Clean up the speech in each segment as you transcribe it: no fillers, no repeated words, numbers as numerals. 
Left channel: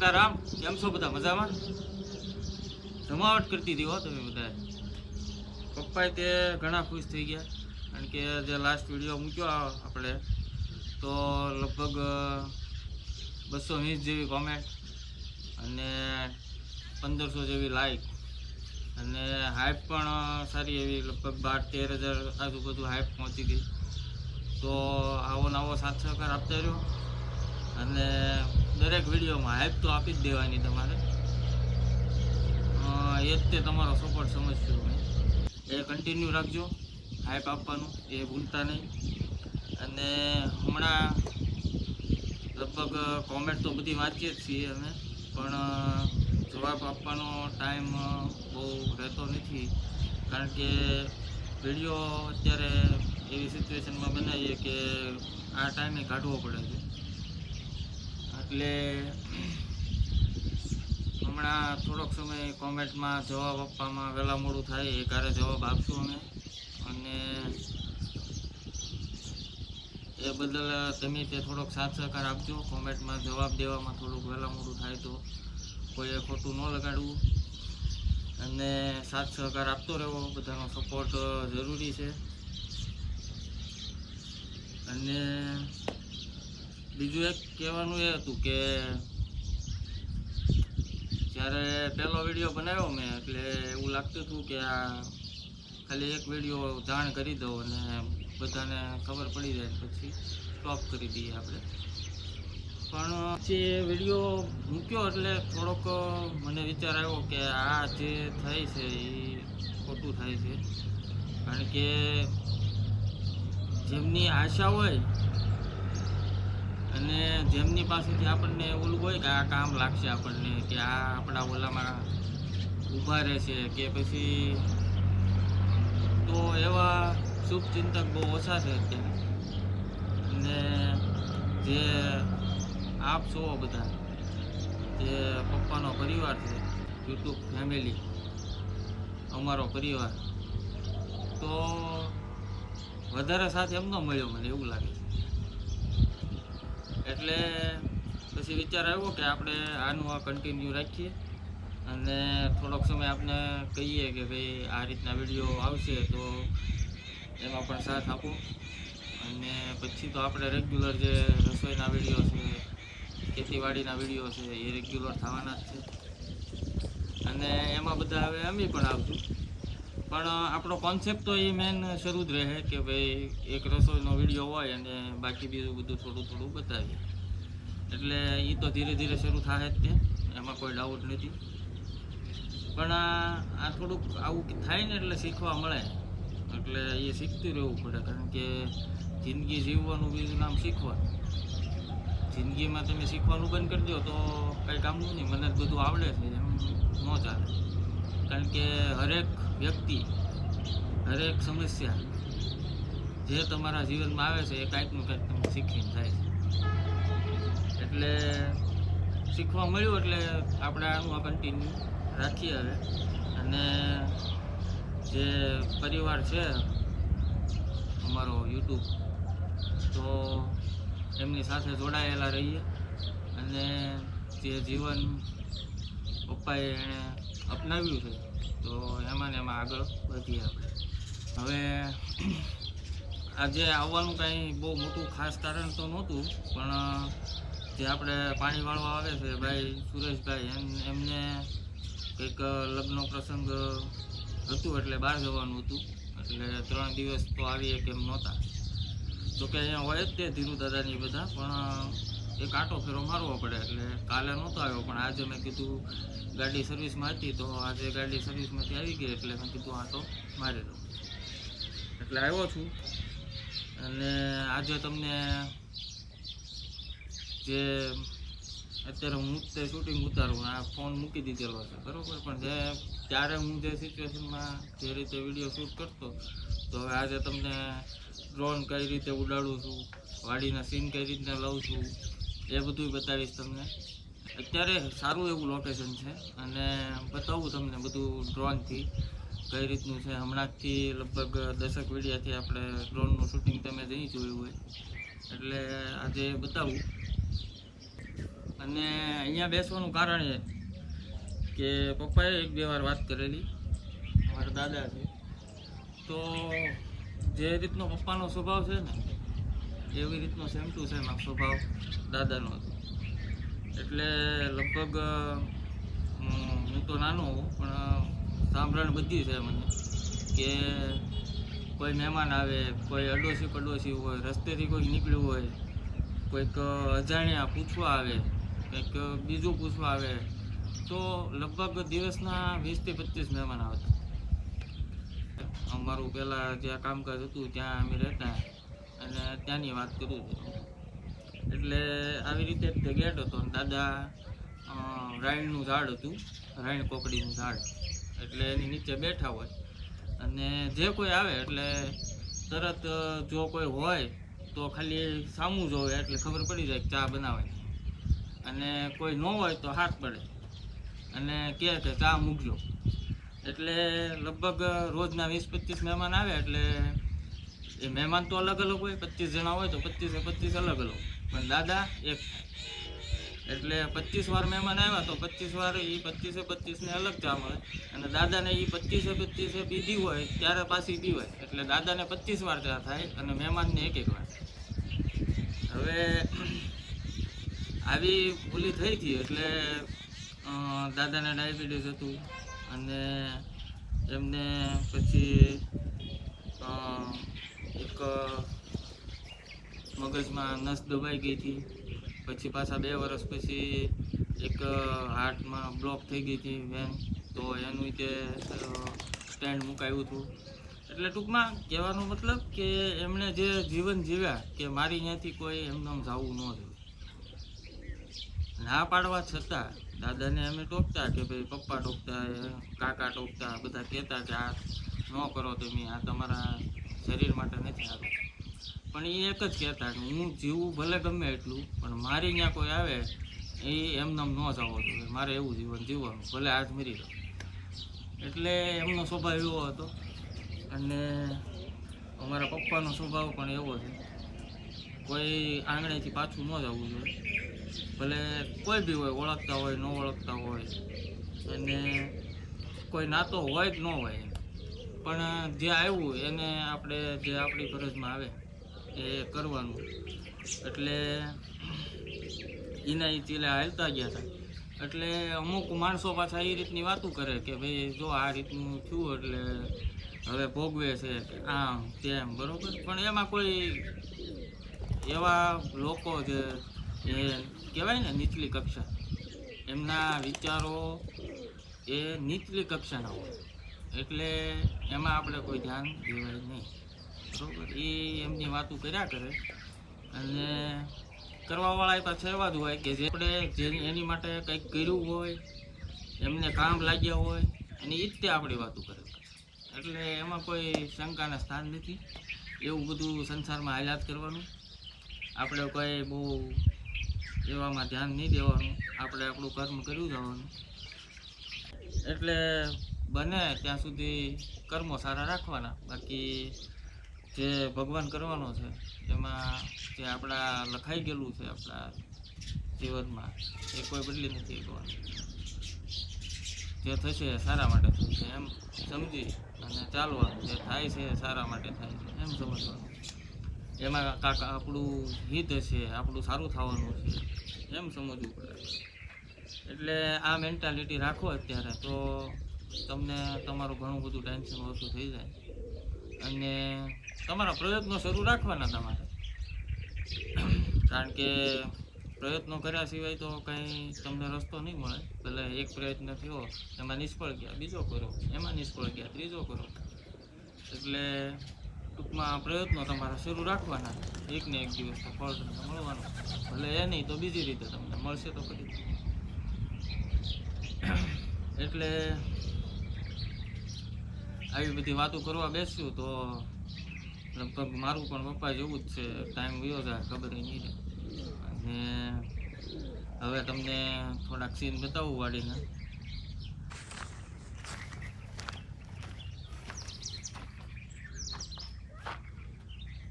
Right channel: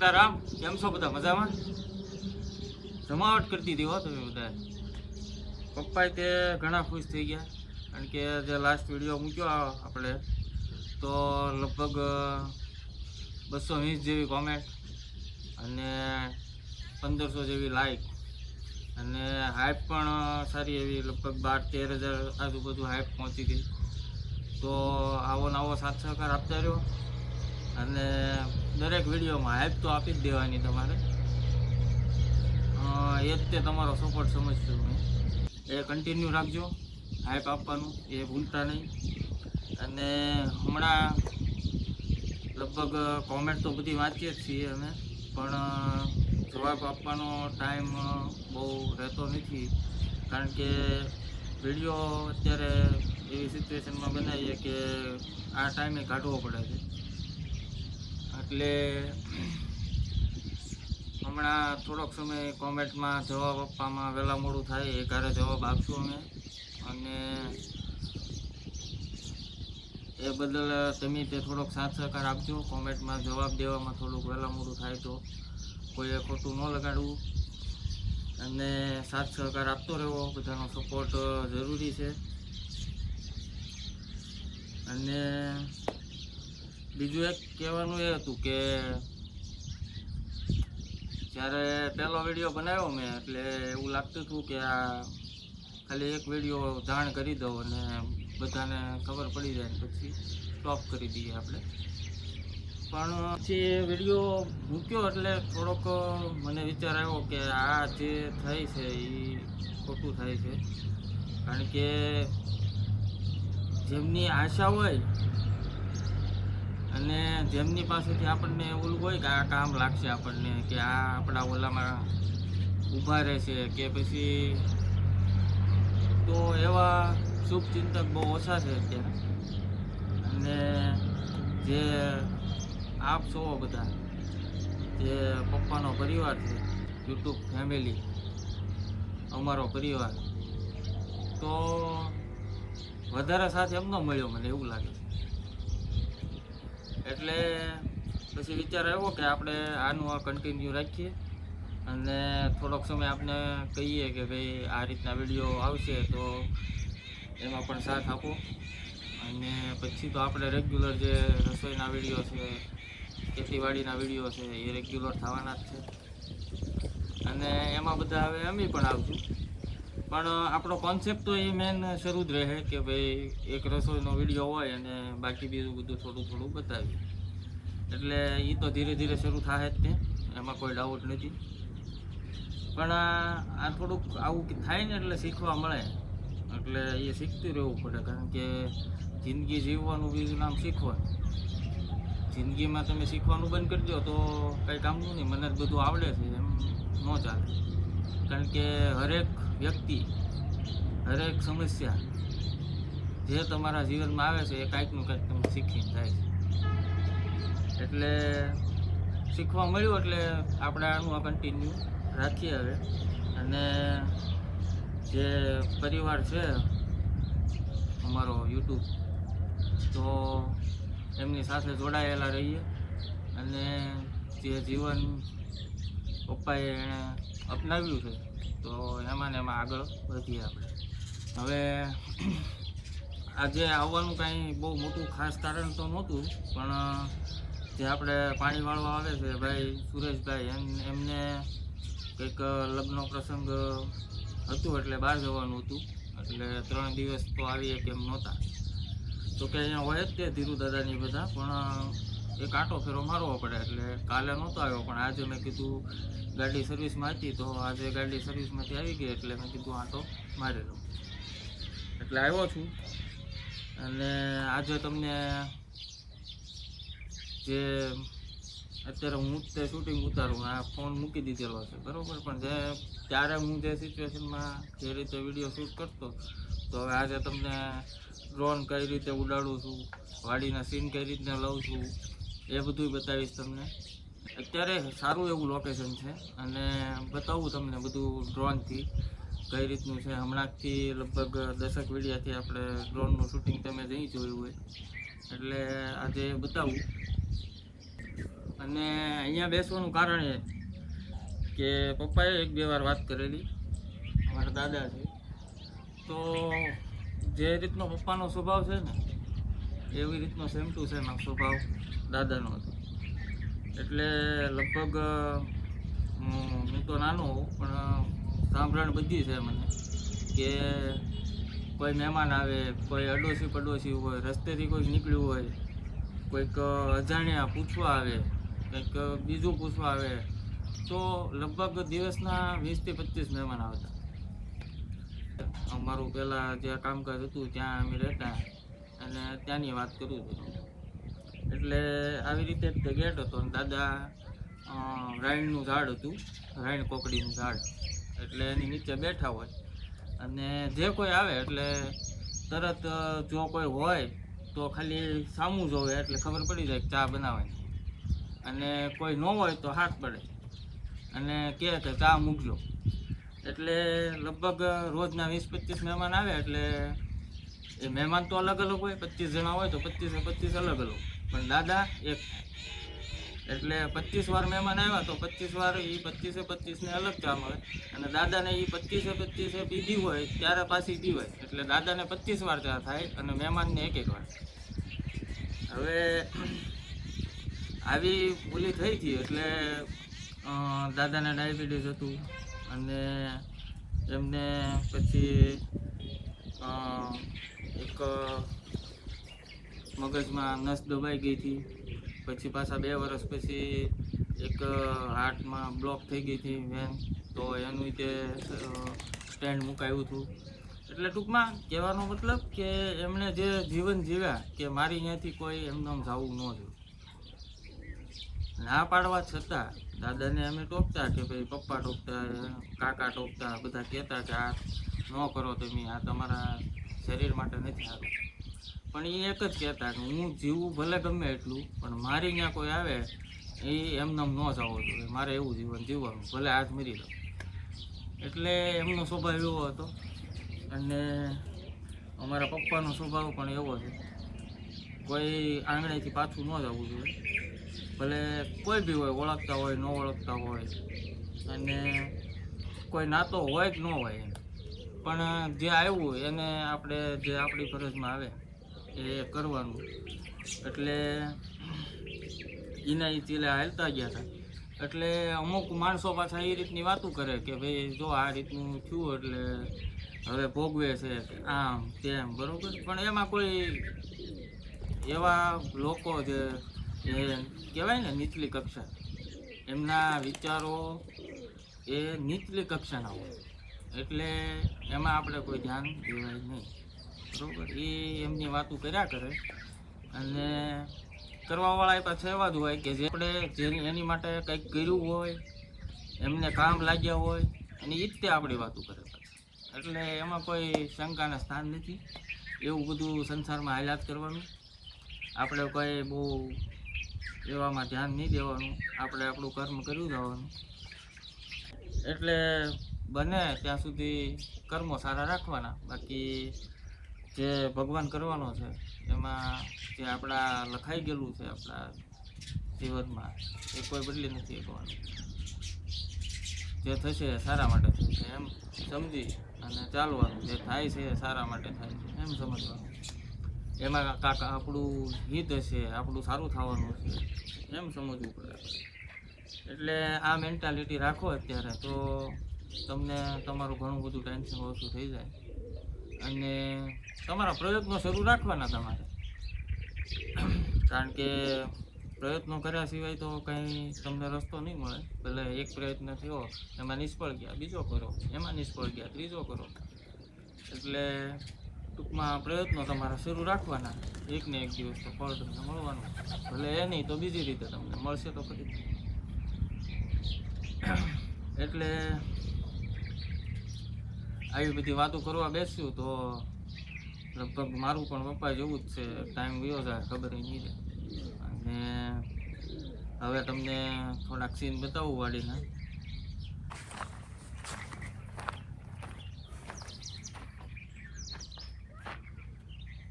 સીતારામ, કેમ છો બધા? મજામાં? જમાવટ કરતી હતી હો તમે બધા. પપ્પાએ તે ઘણા ખુશ થઈ ગયા, કારણ કે જે લાસ્ટ વિડીયો મૂક્યો આપણે તો લગભગ 220 જેવી કોમેન્ટ અને 1500 જેવી લાઈક અને હાઈપ પણ સારી એવી, લગભગ 12-13 હજાર આજુબાજુ હાઈપ પહોંચી ગઈ. તો આવો નવો સાથ સહકાર આપતા રહ્યો અને દરેક વિડીયોમાં હાઈપ તો આપી જ દેવાની તમારે. એ જ તે તમારો સપોર્ટ સમજશું મેં. એ કન્ટિન્યુ રાખજો, હાઈપ આપવાનું એ ભૂલતા નહીં. અને હમણાં લગભગ કોમેન્ટ તો બધી વાંચીએ જ છીએ અમે, પણ જવાબ આપવાનો ટાઈમ બહુ રહેતો નથી, કારણ કે વિડીયો અત્યારે એવી સિચ્યુએશનમાં બનાવીએ કે આ ટાઈમે કાઢવો પડે છે. એટલે હમણાં થોડોક સમય કોમેન્ટમાં જવાબ આપવામાં વહેલા મોડું થાય એ કારે જવાબ આપશું અમે. અને એ બદલ તમે તે થોડોક સાથ સહકાર આપજો. કોમેન્ટમાં જવાબ દેવામાં થોડુંક વહેલા મોડું થાય તો કોઈએ ખોટું ન લગાડવું, અને સાથ સહકાર આપતો રહેવો. બધાનો સપોર્ટ જરૂરી છે. અને બીજું એક કહેવાનું એ હતું કે જ્યારે પહેલો વિડીયો બનાવ્યો મેં, એટલે એવું લાગતું હતું કે આ ખાલી એક વિડીયો જાણ કરી દઉં અને બધાને ખબર પડી જાય, પછી સ્ટોપ કરી દઈએ આપણે. પણ પછી એ વિડીયો મૂક્યો એટલે થોડોક મને વિચાર આવ્યો કે આ જે થાય છે એ ખોટું થાય છે, કારણ કે જેમની આશા હોય અને જેમની પાસેથી આપણને ઓલું હોય કે આ કામ લાગશે આપણને, કે આ આપણા ઓલામાં ઊભા રહેશે, કે પછી તો એવા શુભચિંતક બહુ ઓછા છે અત્યારે. અને જે આપ છો બધા, જે પપ્પાનો પરિવાર છે, યુટ્યુબ ફેમિલી, અમારો પરિવાર, તો વધારે સાથ એમનો મળ્યો મને એવું લાગે છે. એટલે પછી વિચાર આવ્યો કે આપણે આનું આ કન્ટિન્યુ રાખીએ અને થોડોક સમય આપણે કહીએ કે ભાઈ આ રીતના વિડીયો આવશે તો એમાં પણ સાથ આપો. અને પછી તો આપણે રેગ્યુલર જે રસોઈના વિડીયો છે, ખેતીવાડીના વિડીયો છે, એ રેગ્યુલર થવાના જ છે. અને એમાં બધા હવે અમે પણ આવશું, પણ આપણો કોન્સેપ્ટ તો એ મેન શરૂ જ રહે કે ભાઈ એક રસોઈનો વિડીયો હોય અને બાકી બીજું બધું થોડું થોડું બતાવીએ. એટલે એ તો ધીરે ધીરે શરૂ થાય જ તે, એમાં કોઈ ડાઉટ નથી. પણ આ થોડુંક આવું થાય ને એટલે શીખવા મળે, એટલે એ શીખતું રહેવું પડે, કારણ કે જિંદગી જીવવાનું બીજું નામ શીખવા. જિંદગીમાં તમે શીખવાનું બંધ કરી દો તો કંઈ કામનું નહીં. મને જ બધું આવડે છે એમ ન ચાલે, કારણ કે હરેક વ્યક્તિ, હરેક સમસ્યા જે તમારા જીવનમાં આવે છે એ કાંઈકનું કાંઈક તમે શીખીને જાય છે. એટલે શીખવા મળ્યું એટલે આપણે આનું આ કન્ટિન્યુ રાખીએ હવે. અને જે પરિવાર છે અમારો યુટ્યુબ, તો એમની સાથે જોડાયેલા રહીએ અને જે જીવન પપ્પાએ એણે અપનાવ્યું છે તો એમાં ને એમાં આગળ વધીએ આપણે. હવે આજે આવવાનું કાંઈ બહુ મોટું ખાસ કારણ તો નહોતું, પણ જે આપણે પાણી વાળવા આવે છે ભાઈ સુરેશભાઈ, એમને કંઈક લગ્ન પ્રસંગ હતું એટલે બહાર જવાનું હતું, એટલે 3 દિવસ તો આવીએ કેમ નહોતા. તો કે અહીંયા હોય જ તે ધીરુ દાદાની બધા, પણ એક આંટો ફેરો મારવો પડે, એટલે કાલે નહોતો આવ્યો. પણ આજે મેં કીધું ગાડી સર્વિસમાં હતી તો આજે ગાડી સર્વિસમાંથી આવી ગઈ, એટલે મેં કીધું આંટો મારી દઉં, એટલે આવ્યો છું. અને આજે તમને જે અત્યારે હું તે શૂટિંગ ઉતારું, આ ફોન મૂકી દીધેલો છે બરાબર, પણ જે ત્યારે હું જે સિચ્યુએશનમાં જે રીતે વિડીયો શૂટ કરતો, તો હવે આજે તમને ડ્રોન કઈ રીતે ઉડાડું છું, વાડીના સીન કઈ રીતના લઉં છું, એ બધું બતાવીશ તમને. અત્યારે સારું એવું લોકેશન છે અને બતાવું તમને બધું ડ્રોનથી કઈ રીતનું છે. હમણાંથી લગભગ 10 વિડીયાથી આપણે ડ્રોનનું શૂટિંગ તમે જઈ જોયું હોય, એટલે આજે બતાવું. અને અહીંયા બેસવાનું કારણ એ કે પપ્પાએ 1-2 વાર વાત કરેલી, અમારા દાદા છે, તો જે રીતનો પપ્પાનો સ્વભાવ છે ને એવી રીતનો સેમ ટુ સેમ આ સ્વભાવ દાદાનો હતો. એટલે લગભગ હું તો નાનો હોઉં પણ સાંભળણ બધી છે મને કે કોઈ મહેમાન આવે, કોઈ પડોશી હોય, રસ્તેથી કોઈક નીકળ્યું હોય, કોઈક અજાણ્યા પૂછવા આવે, કંઈક બીજું પૂછવા આવે, તો લગભગ દિવસના 20 થી 25 મહેમાન આવતા. અમારું પહેલાં જ્યાં કામકાજ હતું ત્યાં અમે રહેતા, અને ત્યાંની વાત કરું છું. એટલે આવી રીતે જ ગેટ હતો, અને દાદા રાયણનું ઝાડ હતું, રાયણ કોકડીનું ઝાડ, એટલે એની નીચે બેઠા હોય, અને જે કોઈ આવે એટલે તરત જો કોઈ હોય તો ખાલી સામું જોવે એટલે ખબર પડી જાય કે ચા બનાવવાની, અને કોઈ ન હોય તો હાથ પડે અને કહે કે ચા મૂકજો. એટલે લગભગ રોજના 20-25 મહેમાન આવે, એટલે એ મહેમાન તો અલગ અલગ હોય, 25 જણા હોય તો 25 અલગ અલગ, પણ દાદા એક થાય. એટલે 25 વાર મહેમાન આવ્યા તો 25 વાર એ 25ને અલગ ચા મળે, અને દાદાને એ 25 પીધી હોય ત્યારે પાછી પીવાય, એટલે દાદાને 25 વાર ચા થાય અને મહેમાનને 1 વાર. હવે આવી ઓલી થઈ હતી, એટલે દાદાને ડાયાબિટીસ હતું, અને એમને પછી એક મગજમાં નસ દબાઈ ગઈ હતી, પછી પાછા 2 વર્ષ પછી એક હાર્ટમાં બ્લોક થઈ ગઈ હતી વેન, તો એનું તે સ્ટેન્ડ મુકાયું હતું. એટલે ટૂંકમાં કહેવાનો મતલબ કે એમણે જે જીવન જીવ્યા કે મારી ત્યાંથી કોઈ એમને જવું ન જોઈએ. ના પાડવા છતાં દાદાને અમે ટોકતા કે ભાઈ પપ્પા ટોકતા, કાકા ટોકતા, બધા કહેતા કે આ ન કરો તમે, આ તમારા શરીર માટે નથી સારું. પણ એ એક જ કહેતા કે હું જીવું ભલે ગમે એટલું, પણ મારી અહીંયા કોઈ આવે એ એમને ન જવો જોઈએ, મારે એવું જીવન જીવવાનું, ભલે આજ મરી જાઉં. એટલે એમનો સ્વભાવ એવો હતો. અને અમારા પપ્પાનો સ્વભાવ પણ એવો છે, કોઈ આંગણેથી પાછું ન જવું જોઈએ, ભલે કોઈ બી હોય, ઓળખતા હોય ન ઓળખતા હોય, અને કોઈ નાતો હોય કે ન હોય એમ, પણ જે આવ્યું એને આપણે જે આપણી ફરજમાં આવે એ કરવાનું. એટલે એના એ ચીલે હાલતા ગયા હતા. એટલે અમુક માણસો પાછા એ રીતની વાતો કરે કે ભાઈ જો આ રીતનું થયું એટલે હવે ભોગવે છે કે આમ તેમ, બરાબર. પણ એમાં કોઈ એવા લોકો જે એ કહેવાય ને નીચલી કક્ષા, એમના વિચારો એ નીચલી કક્ષાના હોય, એટલે એમાં આપણે કોઈ ધ્યાન દેવાય નહીં, બરાબર. એ એમની વાતો કર્યા કરે, અને કરવાવાળા એ પાછા એવા જ હોય કે જે આપણે જેની એની માટે કંઈક કર્યું હોય, એમને કામ લાગ્યા હોય, અને એ જ તે આપણી વાતો કરે. એટલે એમાં કોઈ શંકાના સ્થાન નથી. એવું બધું સંસારમાં હાલાત કરવાનું, આપણે કોઈ બહુ એવામાં ધ્યાન નહીં દેવાનું, આપણે આપણું કર્મ કર્યું જવાનું. એટલે બને ત્યાં સુધી કર્મો સારા રાખવાના, બાકી જે ભગવાન કરવાનો છે એમાં જે આપણા લખાઈ ગયેલું છે આપણા જીવનમાં એ કોઈ બદલી નથી શકવાનું. જે થશે સારા માટે થશે એમ સમજી અને ચાલવાનું, જે થાય છે સારા માટે થાય છે એમ સમજવાનું. એમાં કાકા આપણું હિત હશે, આપણું સારું થવાનું છે એમ સમજવું પડે. એટલે આ મેન્ટાલિટી રાખો અત્યારે, તો તમને તમારું ઘણું બધું ટેન્શન ઓછું થઈ જાય. અને તમારા પ્રયત્નો શરૂ રાખવાના તમારે, કારણ કે પ્રયત્નો કર્યા સિવાય તો કંઈ તમને રસ્તો નહીં મળે. ભલે એક પ્રયત્ન થયો એમાં નિષ્ફળ ગયા, બીજો કરો, એમાં નિષ્ફળ ગયા, ત્રીજો કરો. એટલે ટૂંકમાં પ્રયત્નો તમારા શરૂ રાખવાના, એક ને એક દિવસ તો ફળ તમને મળવાનું, ભલે એ નહીં તો બીજી રીતે તમને મળશે તો ખરી. એટલે આવી બધી વાતો કરવા બેસ્યું તો લગભગ મારું પણ પપ્પા જેવું જ છે, ટાઈમ વયો જાય ખબર નહીં રહે. અને હવે તમને થોડાક સીન બતાવું વાડીને.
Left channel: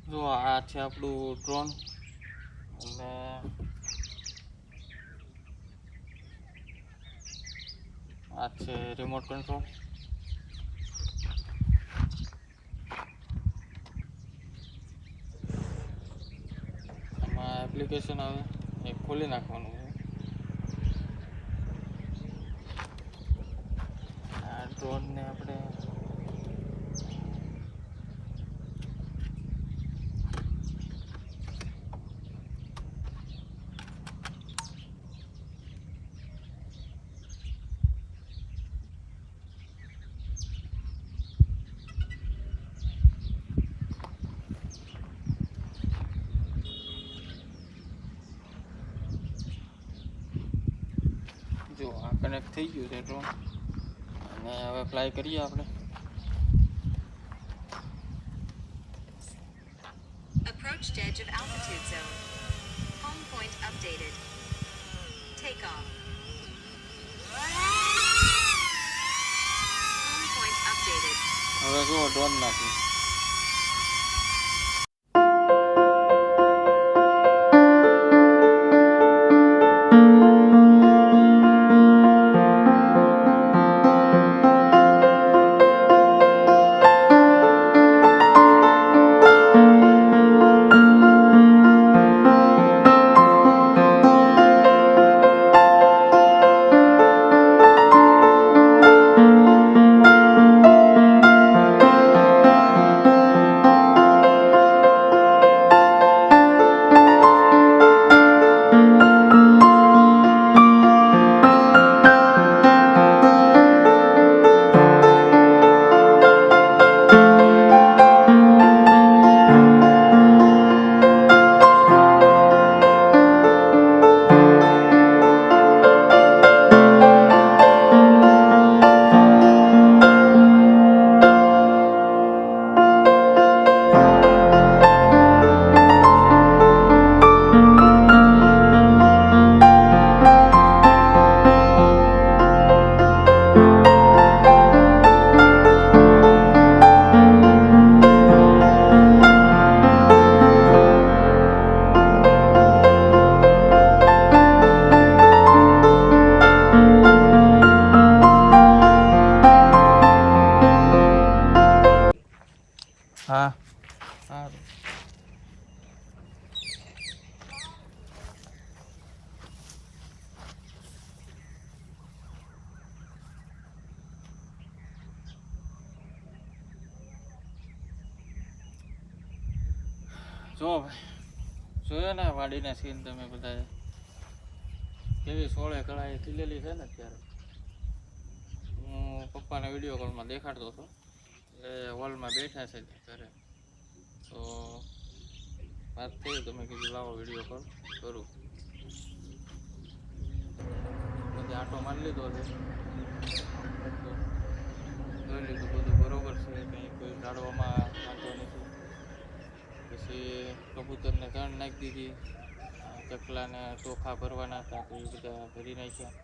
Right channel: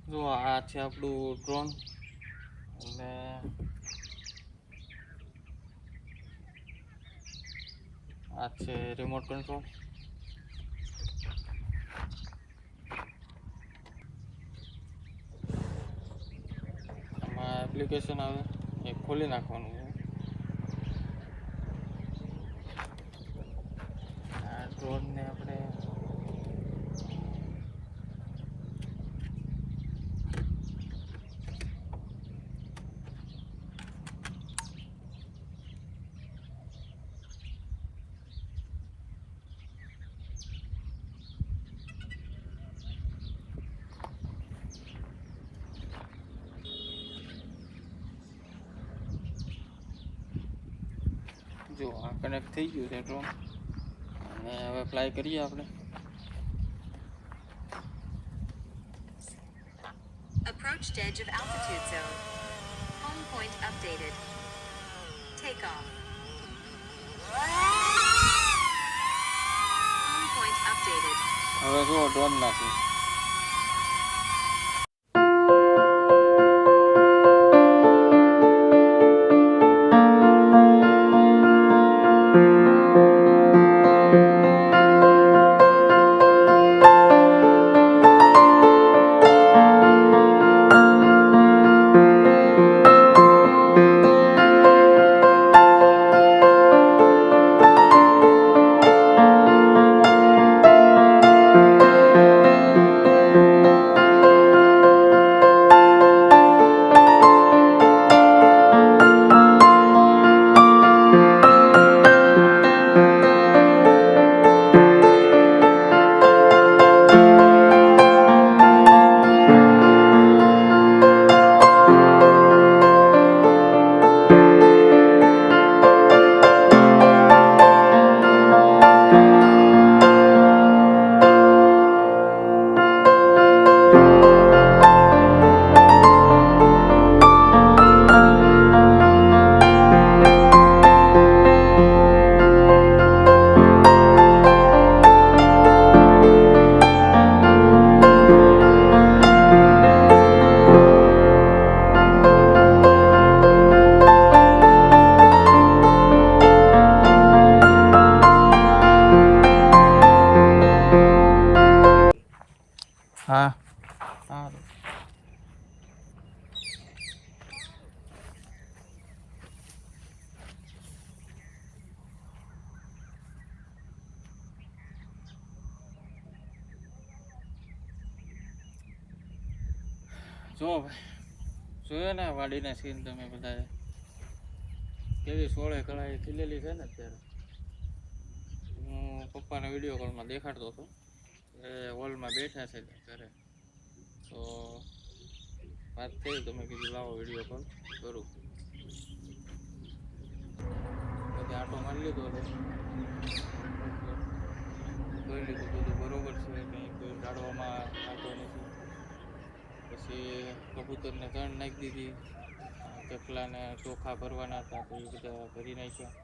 જો આ છે આપણું ડ્રોન, અને આ છે રિમોટ કંટ્રોલ. આમાં એપ્લિકેશન આવે એ ખોલી નાખવાનું છે. આ ડ્રોનને આપણે જો આ કનેક્ટ થઈ ગયું છે ડ્રોન, અને હવે ફ્લાય કરીએ આપણે. Approached edge of altitude zone. Home point updated. Take off. Home point updated. હવે જો ડ્રોન નાખી. હા સારું. જો ભાઈ જોયો ને વાડીના સીન તમે બધા, કેવી સોળે કળાએ ખીલેલી છે ને. અત્યારે હું પપ્પાના વિડીયો કોલમાં દેખાડતો હતો, એ હોલમાં બેઠા છે ઘરે, તો વાત થઈ તો મેં કીધું લાવો વિડીયો કોલ કરું. બધે આટો મારી લીધો છે, જોઈ લીધું બધું બરોબર છે, કંઈ કોઈ ઝાડવામાં વાંધો નથી. પછી કબૂતરને ધણ નાખી દીધી, ચકલાને ચોખા ભરવાના હતા તો એ બધા ભરી નાખ્યા.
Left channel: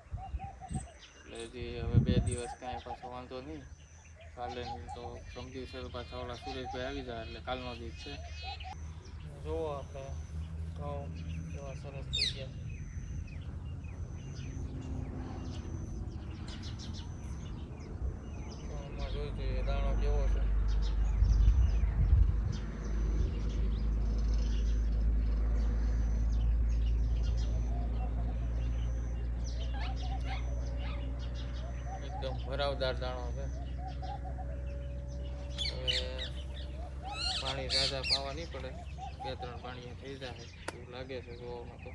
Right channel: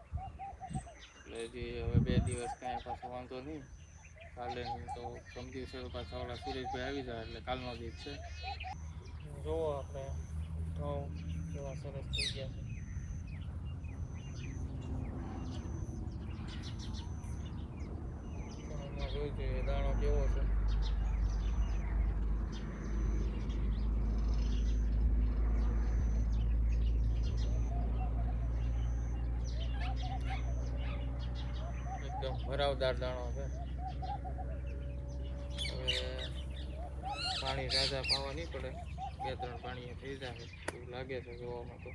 એટલે હજી હવે 2 દિવસ કાંઈ પાછો વાંધો નહીં, કાલે નહીં તો પ્રમ દિવસે તો પાછા ઓલા સુરેશભાઈ આવી જાય એટલે કાલનો દિવસ છે. જુઓ આપણે ઘઉં કેવા સરસ થઈ ગયા છે. ઘઉંમાં જોઈ જોઈએ દાણો કેવો છે. એકદમ ભરાવદાર દાણો છે. હવે પાણી રાજા પાવા નહીં પડે, 2-3 પાણી થઈ જાય એવું લાગે છે જોવામાં તો.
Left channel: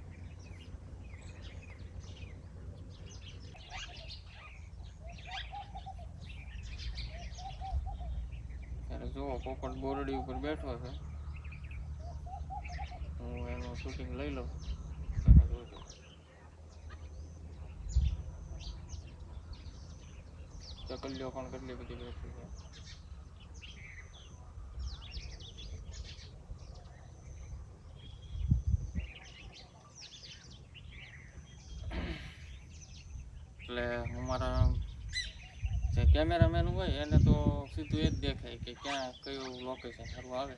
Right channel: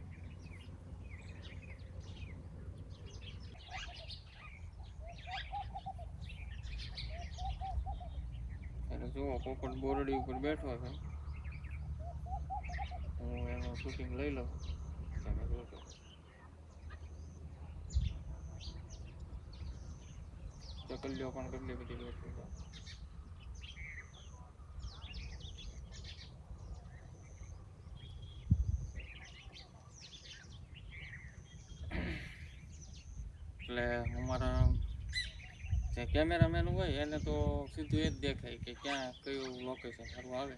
ત્યારે જુઓ પોપટ બોરડી ઉપર બેઠો છે, હું એનું શૂટિંગ લઈ લઉં, તમે જોજો. ચકલીઓ પણ કેટલી બધી બેઠી છે. એટલે અમારા જે કેમેરામેન હોય એને તો સીધું એ જ દેખાય કે ક્યાં કયું લોકેશન સારું આવે.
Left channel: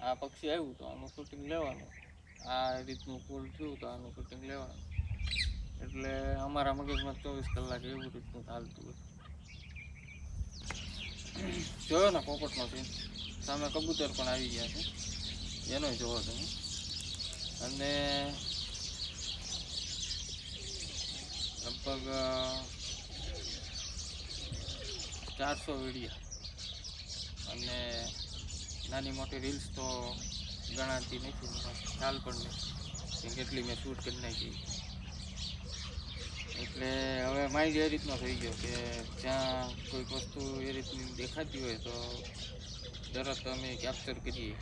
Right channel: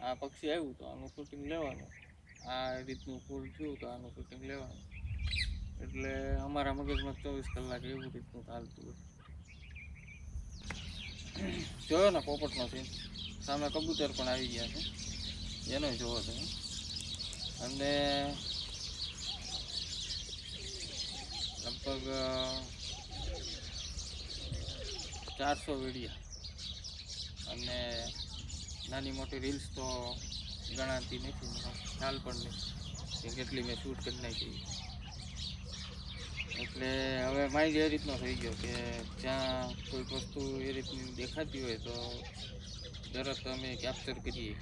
આ પક્ષી આવ્યું તો આનું શૂટિંગ લેવાનું, આ રીતનું ફૂલ થયું તો આનું શૂટિંગ લેવાનું. એટલે અમારા મગજમાં 24 કલાક એવું રીતનું ચાલતું હોય. જોયો ને પોપટનો સીન, સામે કબૂતર પણ આવી ગયા છે, એનો જોવો તમે. અને લગભગ 400 વિડીયા અને નાની મોટી રીલ્સ તો ગણાતી નથી, મને ખ્યાલ પણ નહીં કે કેટલી મેં શૂટ કરી નાખી. એટલે હવે માઇન્ડ એ રીતનો થઈ ગયો કે જ્યાં કોઈક વસ્તુ એ રીતની દેખાતી હોય તો તરત અમે કેપ્ચર કરીએ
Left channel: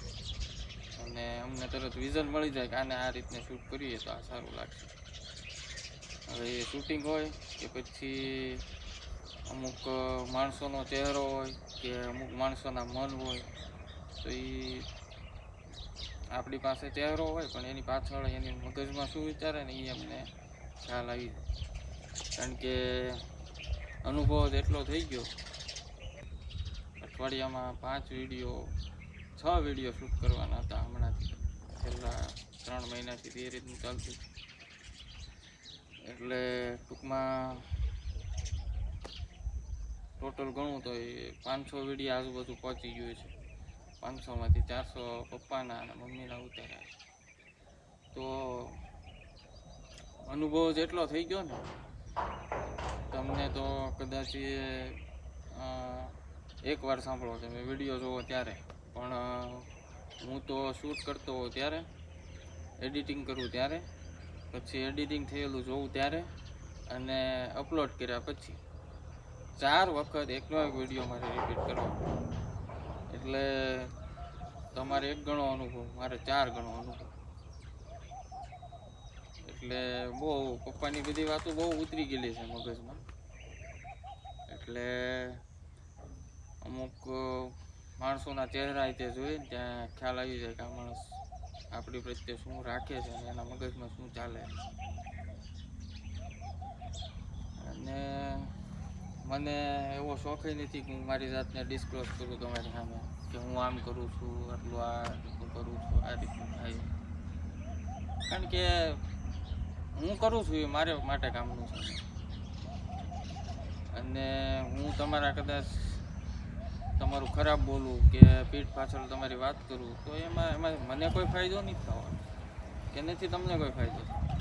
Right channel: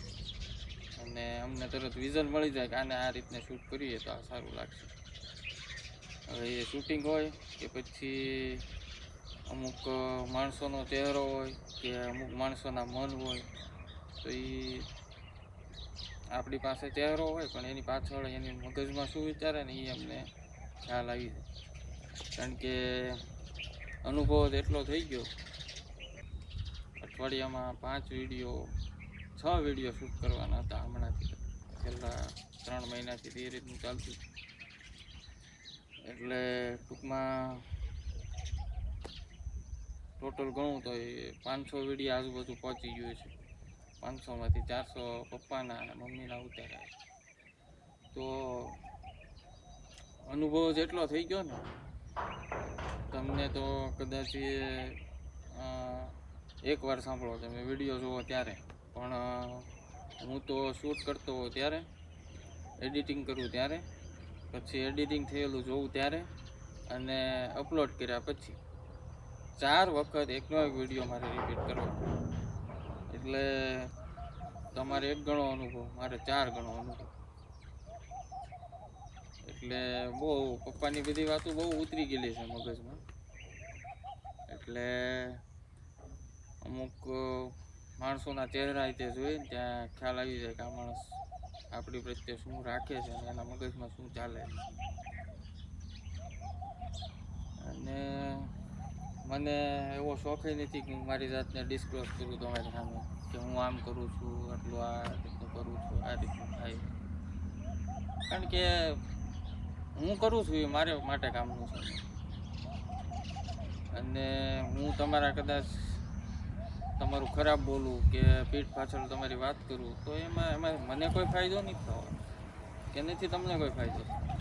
અને અમને તરત વિઝન મળી જાય કે આને આ રીતને શૂટ કરીએ તો આ સારું લાગશે. હવે એ શૂટિંગ હોય કે પછી અમુક માણસોનો ચહેરો હોય કે અમુક માણસોના મન હોય, તો એ આપણી પાસે ચહેરો હોય પણ એની પાછળ એની મગજમાં શું વિચારે ને એ અમને ખ્યાલ આવી જાય. કારણ કે અનુભવ જ એટલો થઈ ગયો. અઠવાડિયામાં 5 વિડીયો 6 વિડીયો શૂટ કરવાના હતા હમણાંથી, છેલ્લા 3 મહિનાથી એ રીતનું ચાલતું. એટલે ટૂંકમાં ટોટલ ગણું તો એ 500 વિડીયો આજુબાજુ પહોંચી ગયું છે. 500માંથી 400 પપ્પાના અને મમ્મીના ઉતાર્યા છે. તો અનુભવ જેટલો થઈ ગયો ને, તમને તો કદાચ એકવાર સાંભળો તમે વિડીયો જોવો ત્યારે, પણ હું તો શૂટ કરતો હોઉં ત્યારે, એડિટિંગ કરું ત્યારે, પછી એડિટિંગ થયેલું જોઉં ત્યારે અને અપલોડ કર્યા પછી 4 વખત એકનો એક વિડીયો મારે રિપીટ કરવાનો. એટલે તમારે 1 ગણો અનુભવ, મારે 4 ગણો અનુભવ. એટલે બહુ પપ્પાની બધી વાતો બહુ ઉતરી ગયેલી છે મગજમાં. એટલે અમુક માણસોના ચહેરા તે જોઈને ત્યાં ખ્યાલ આવી જાય કે આ માણસ આપણી પ્રત્યે શું રાખે છે અને એના મગજમાં શું ચાલે. અને મને એવો શોખ નથી કે હું મારી જાતને ડિસ્ક્લોઝ કરું તમારી સામે કે હું આમ કરું છું, આટલું આ રીતનું કરું છું, આ રીતનું થાય. કારણ કે હું કરું છું એ મારે માટે કામનું છે. અને હું તમારા કદાચ તમારું ખરાબ બોલું કે પીઠ પાછળ તમારી વાત કરું તો એમાં મને કોઈ ફાયદો નથી થવાનો કે નથી તમને કોઈ ફાયદો થવાનો.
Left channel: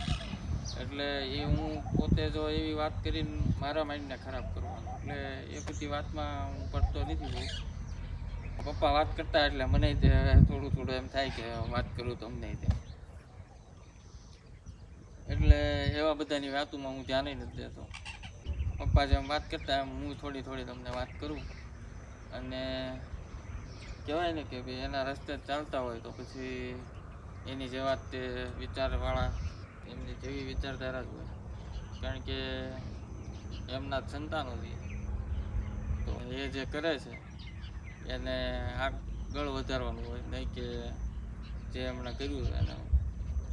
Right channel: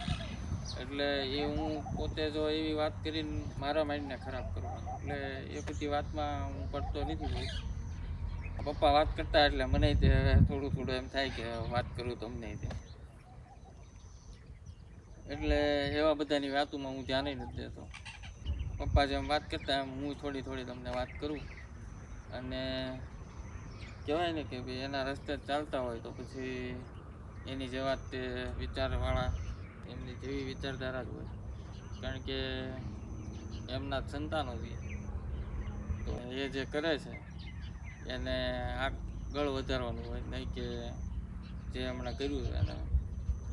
એટલે એ હું પોતે જો એવી વાત કરીને મારા માઇન્ડને ખરાબ કરવાનો, એટલે એ બધી વાતમાં હું પડતો નથી બહુ. પપ્પા વાત કરતા એટલે મને તે થોડું એમ થાય કે વાત કરું તમને તે. એટલે એવા બધાની વાતોમાં હું ધ્યાન નથી દેતો. પપ્પા જેમ વાત કરતા એમ હું થોડી તમને વાત કરું. અને કહેવાય ને કે ભાઈ એના રસ્તે ચાલતા હોય તો પછી એની જેવા તે વિચારવાળા, એમની જેવી વિચારધારા જ હોય. કારણ કે એમના જ સંતાનો છે. તો એ જે કરે છે એને આગળ વધારવાનું હોય, નહીં કે જે એમણે કર્યું છે એને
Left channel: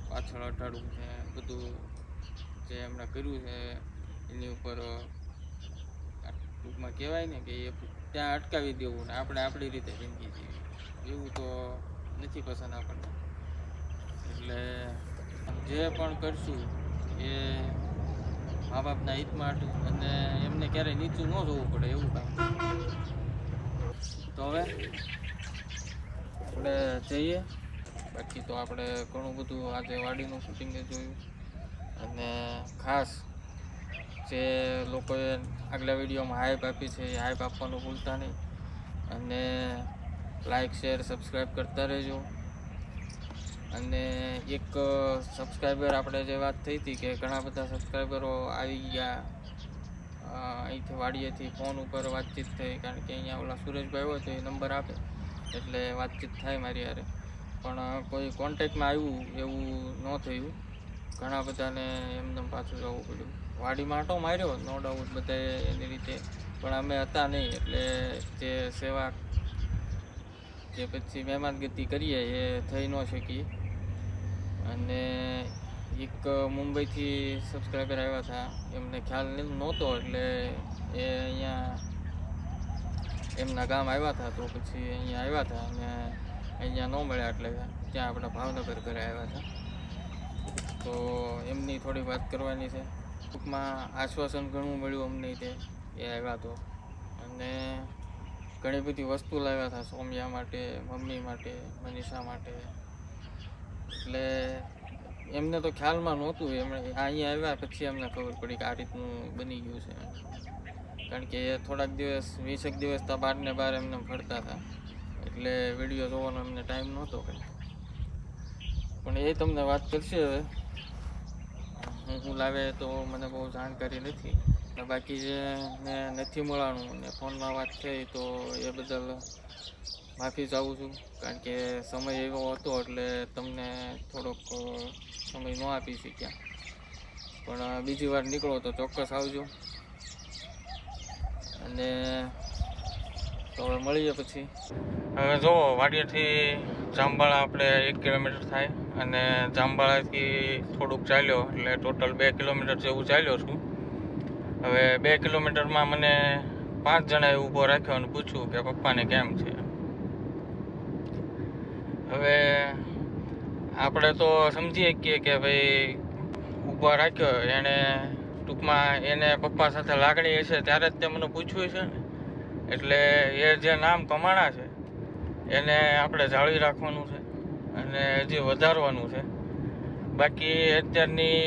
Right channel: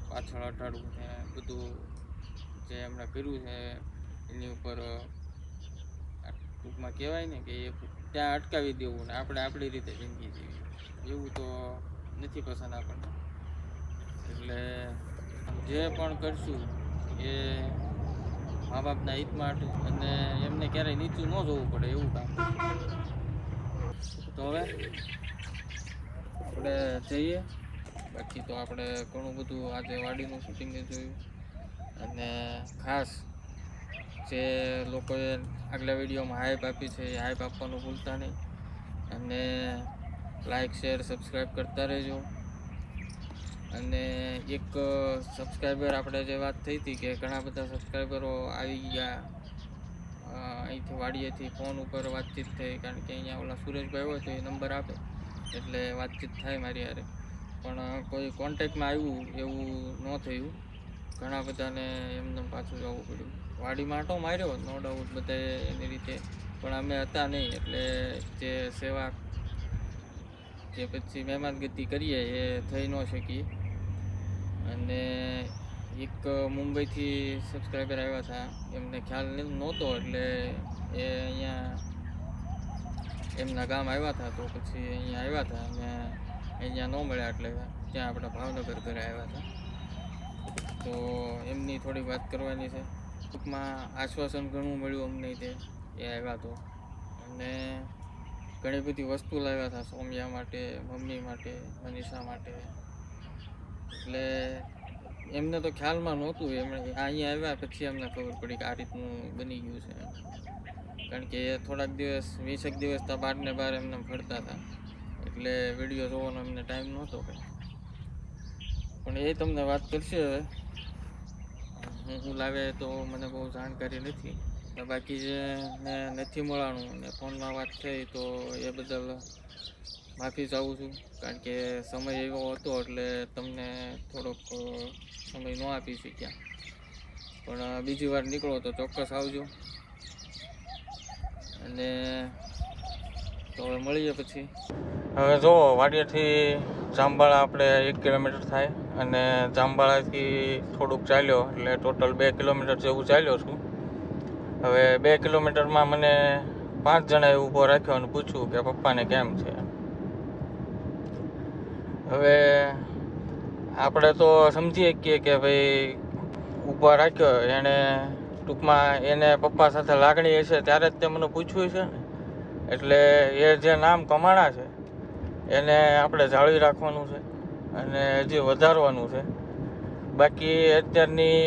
પાછળ અટાડવું ને બધું જે એમણે કર્યું છે એની ઉપર ટૂંકમાં કહેવાય ને કે એ ત્યાં અટકાવી દેવું ને આપણે આપણી રીતે જિંદગી જીવી, એવું તો નથી પસંદ આપણને. એટલે જે પણ કરશું એ મા બાપના હિત માટે અને એમને ક્યારેય નીચું ન જોવું પડે એવું કામ કરશું. તો હવે આપણે જઈએ. બાકી તો આપણે ઘણું બધું આજે વાડીનું શૂટિંગ જોયું. અને ખાસ જે લોકોએ આગલા વિડીયોમાં હાઈપ આપી છે એ હાઈપ આપવાનું ભૂલતા નહીં. અને લાઈક શેર સબસ્ક્રાઈબ કરતા રહેજો. અને એક સબસ્ક્રાઈબર આપણે જે વાત થઈ હતી કે ઘણા બધા સબસ્ક્રાઈબરો આવી ગયા અહીંથી વાડીએથી ફોન ઉપર વાતચીત થઈ. કારણ કે અહીંયા ઓલા સુરેશભાઈ હોય તો એ નંબર આપે એટલે વાતચીત થાય મારી હારે. પણ કોઈ કોન્ટેક્ટમાં આવ્યું એવું ન થયું. ઘણા બધાને એમને પાછું જવું પડ્યું. વાડીમાં આંટો માર્યો નો ડાઉટ બધાએ એની રીતે, પણ અમે હતા નહીં એટલે જે સેવા કે પછી મહેમાનગતિ કરીએ એ થઈ ન શકી. અને એક મુંબઈથી સબસ્ક્રાઈબર આવ્યા હતા, એમને ખ્યાલ નહોતો એટલે એ અહીંયા એમના ગામ આવ્યા હતા. તો પછી અહીંયા આવ્યા હતા અને અહીંયા ન મળ્યા એટલે ત્યાં આપણા ભાવનગર ઘરે આવ્યા હતા. તો એમની થોડી વાત કરવાની છે. ટૂંકમાં આશ્વાસન ઘણું મળ્યું અમને તે એ આવ્યા તો, અને ઘણી બધી વસ્તુ લાવ્યા હતા સૌમ્યા માટે, મમ્મી માટે, મનીષા માટે. એટલે એમને તો ખ્યાલમાં નહોતું, એમણે અહીંયા આવ્યા પછી અમને ખબર પડી કે આ રીતનું બની ગયું છે. કારણ કે એ થોડાક દિવસ 20 દિવસ તો બહાર ને બહાર એમને ફરતા હતા, એટલે વિડીયો જોવાનો એમને ટાઈમ નહોતો કંઈ. પણ એ તમને વાત કરશે હવે. હું લાવે તો મને બહુ જાણકારી નથી. બાકી જે ને નથી મળવાનું ને ફોનમાં વાત થઈ તો એ બદલ માફી ચાહું છું. કારણ કે સમય એવો હતો એટલે તમને થોડોક સમય ન આપી શક્યા. પણ બીજી વાર નીકળો તો ચોક્કસ આવજો. અને તો હવે મળીએ પછી. હવે જો વાડિયાથી જામબાળા આપણે 1 કિલોમીટર થાય, અને જામબાળાથી થોડુંક ચાલ્યો એટલે ટોટલ 2 કિલોમીટર જેવું ચાલ્યો છું. હવે 2 કિલોમીટરમાં મને 5 જણાએ ઊભો રાખ્યો અને પૂછ્યું કે પપ્પાને કેમ છે. હવે આપણે તો સમજી શકીએ કે ભાઈ ઊભો રાખ્યો એણે ટૂંકમાં એને પપ્પા સાથે લાગણી હશે ત્યારે જ તે મને પૂછ્યું છે ને. એટલે એ જે નામ કમાણા છે એને આપણે જાળવી રાખવાનું છે અને હજી વધારવાનું છે. બાકી અત્યારની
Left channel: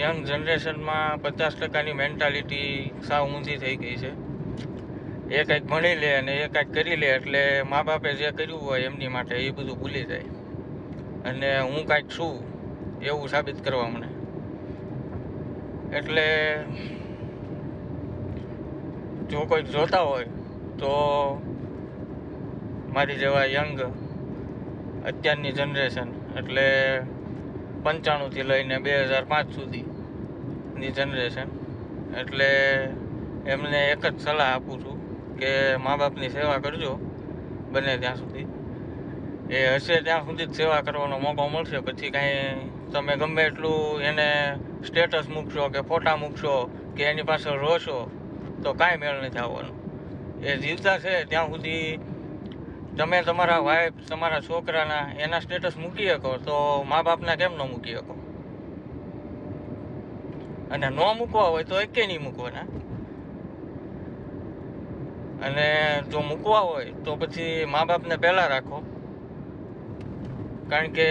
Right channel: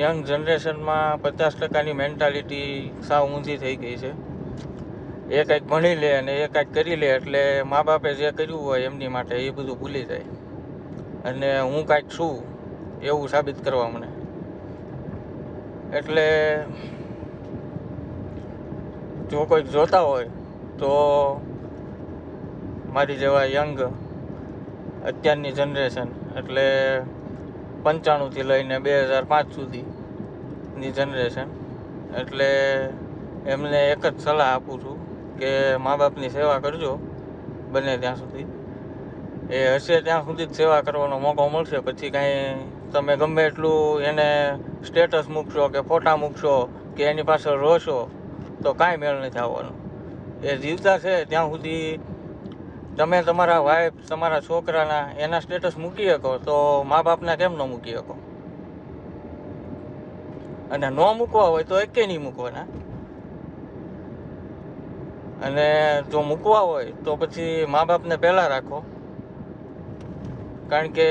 યંગ જનરેશનમાં 50%ની મેન્ટાલિટી સાવ ઊંધી થઈ ગઈ છે. એ કંઈક ભણી લે અને એ કંઈક કરી લે એટલે મા બાપે જે કર્યું હોય એમની માટે એ બધું ભૂલી જાય અને હું કાંઈક છું એવું સાબિત કરવા મને. એટલે જો કોઈક જોતા હોય તો મારી જેવા યંગ અત્યારની જનરેશન એટલે 95થી લઈને 2005 સુધીની જનરેશન, એટલે એમને એક જ સલાહ આપું છું કે મા બાપની સેવા કરજો બને ત્યાં સુધી. એ હશે ત્યાં સુધી જ સેવા કરવાનો મોકો મળશે. પછી કાંઈ તમે ગમે એટલું એને સ્ટેટસ મૂકશો કે ફોટા મૂકશો કે એની પાછળ રોશો તો કાંઈ મેળ નથી આવવાનો. એ જીવતા છે ત્યાં સુધી તમે તમારા વાઈફ, તમારા છોકરાના એના સ્ટેટસ મૂકી શકો તો મા બાપના કેમ ન મૂકી શકો? અને ન મૂકવા હોય તો એકે નહીં મૂકવાના. અને જો મૂકવા હોય તો પછી મા બાપને પહેલાં રાખો. કારણ કે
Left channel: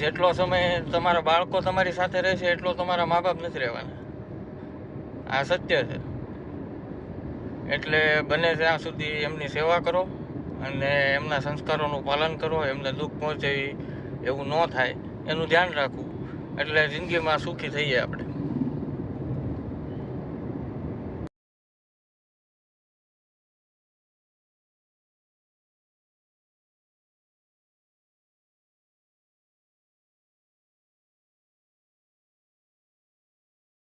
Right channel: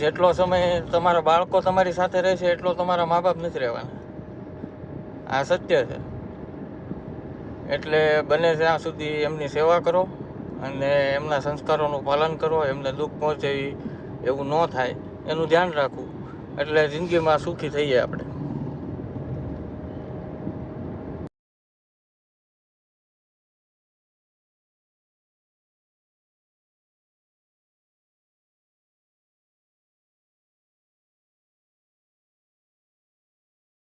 જેટલો સમય તમારા બાળકો તમારી સાથે રહેશે એટલો તમારા મા બાપ નથી રહેવાના. આ સત્ય છે. એટલે બને ત્યાં સુધી એમની સેવા કરો અને એમના સંસ્કારોનું પાલન કરો. એમને દુઃખ પહોંચે એવું ન થાય એનું ધ્યાન રાખવું એટલે જિંદગીમાં સુખી થઈએ આપણે.